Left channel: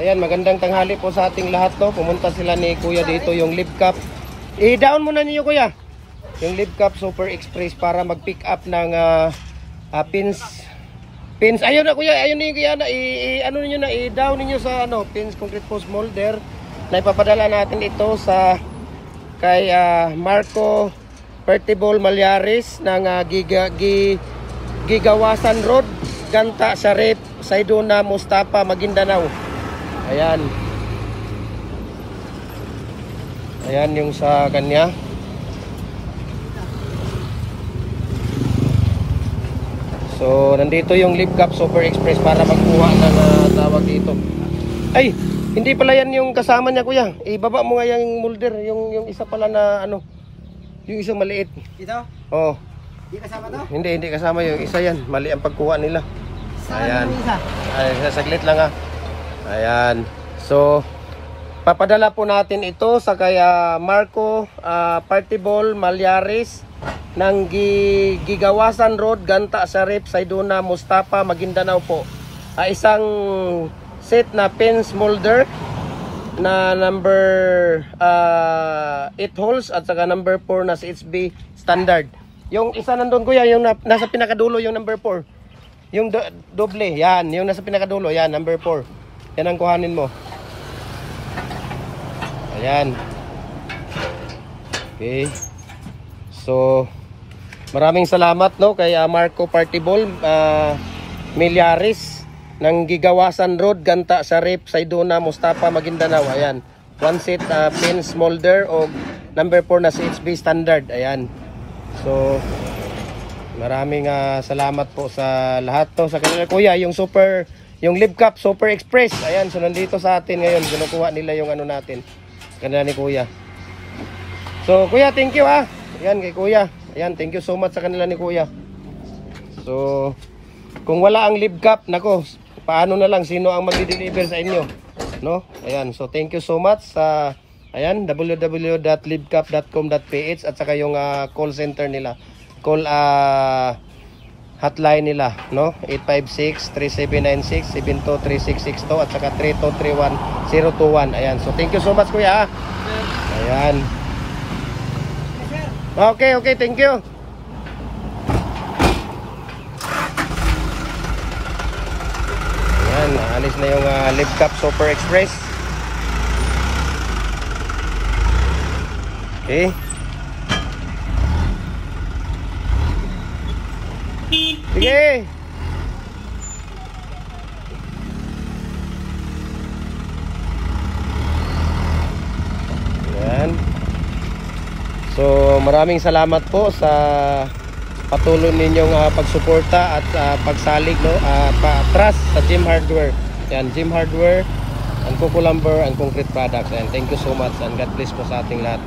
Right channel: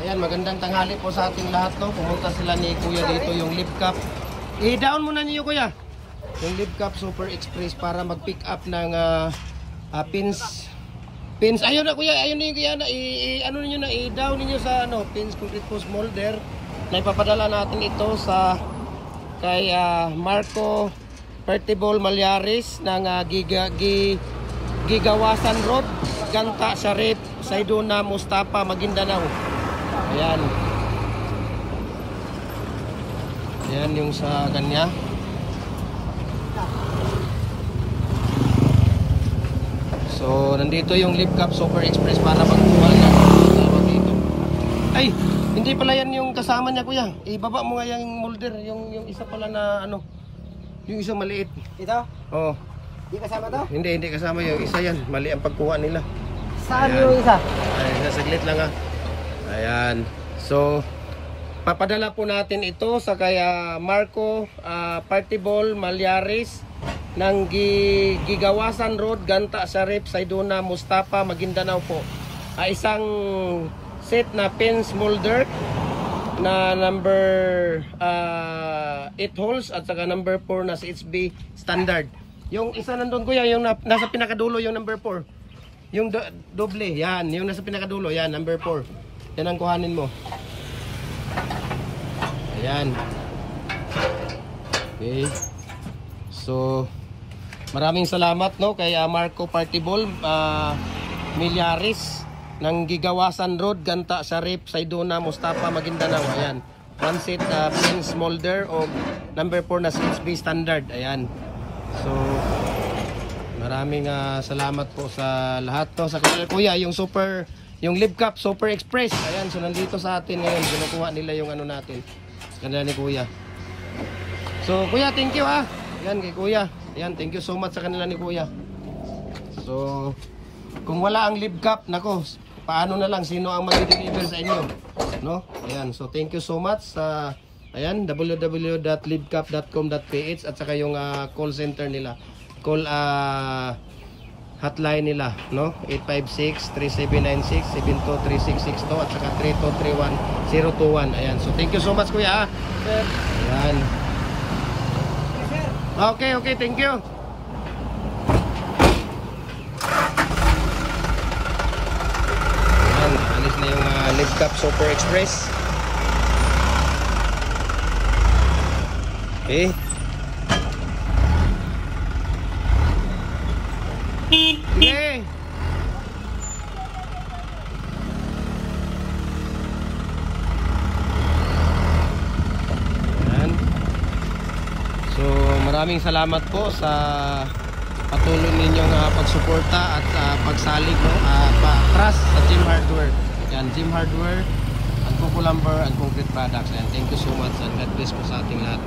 Ayan, magandang tanghali po sa ating lahat, no. Pumunta sila ni Kuya dito, yung Live Cup. I-down muna niyo, Kuya. Yung Live Cup Super Express para mag-pick up ng pins. Pins. Ayun na, Kuya. Ayun niyo, Kuya. Ano niyo na, i-down niyo sa pins concrete post molder. Na ipapadala natin ito sa kay Marco Pertibol Malyares ng Gigawasan Road, Ganta, Sarip, Sayduna, Mustapa, Maguindanao. Ayan. Ayan yung sa kanya. So, nandito yung Live Cup Super Express para magkuha ng tawag dito. Ay, hindi pala yan yung kasama niya, Kuya. Ibaba mo nga yung molder, yung isa pala na yung isang maliit. Ito? Oo. Hindi kasama to? Hindi kasama yung isa yan. Mali ang pagkuha nila. Saan yung isa? Ay, saglit lang Ayan. So, papadala po natin ito sa kaya Marco Pertibol Malyares ng Gigawasan Road, Ganta, Sarip, Sayduna, Mustapa, Maguindanao po. Isang set na pins molder na number 8 holes at saka number 4 na CHB standard. Yung isa nandun, Kuya, yung nasa pinakadulo, yung number 4. Yung doble, yan. Yung nasa pinakadulo, yan, number 4. Yan ang kuhanin mo. Ayan. Okay. So, maraming salamat, no, kay Marco Pertibol Malyares ng Gigawasan Road, Ganta, Sarip, Sayduna, Mustapa, Maguindanao. Ayan. One set pins molder o number 4 na CHB standard. Ayan. So, maraming salamat po sa lahat to. Sa kanila, Kuya, yung Live Cup Super Express. Ayan, so nandito sa atin ngayon. Kinukuha nila yung natin. Kanila ni Kuya. So, Kuya, thank you Ayan, kay Kuya. Ayan, thank you so much sa kanila ni Kuya. So, kung wala ang Live Cup, nako, paano na lang, sino ang mag-deliver sa inyo? No? Ayan, so thank you so much sa ayan, www.livecup.com.ph at saka yung call center nila. Call hotline nila, no? 856-3796-723662 at saka 3231-021. Ayan, so thank you so much, Kuya. Sir. Ayan. Okay, thank you. Ayan, alis na yung Live Cup Super Express. Okay. Sige. Ayan. So, maraming salamat po sa patuloy ninyong pagsuporta at pagsalig, no, trust sa Gym Hardware. Ayan, Gym Hardware, ang Kuko Lumber, ang concrete products. And thank you so much and God bless po sa ating lahat.